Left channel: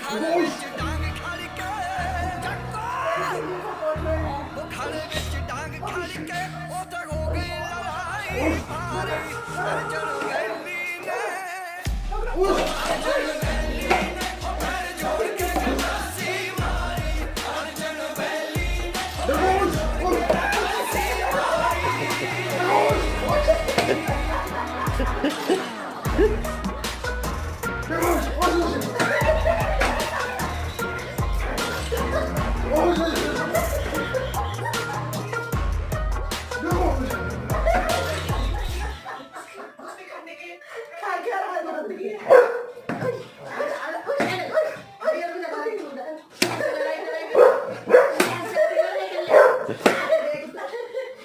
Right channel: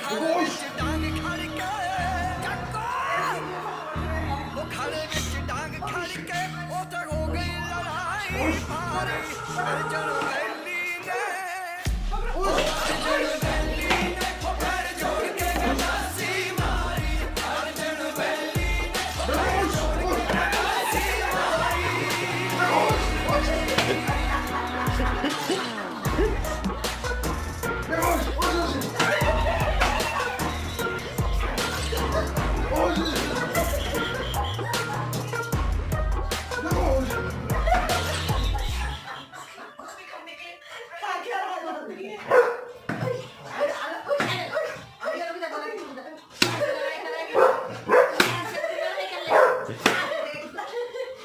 ਖਾੜੇ ਵਿੱਚ ਡਾਂਗ ਖੜ ਕੇ ਚੱਕੋ ਉਹ ਖਾੜੇ ਵਿੱਚ ਡਾਂਗ ਖੜ ਕੇ ਉਹ ਤੇ ਹੋ ਗਈ ਲੜਾਈ ਭਾਰੀ ਅਰਜਨ ਵੈਲੀ ਨੇ ਅਰਜਨ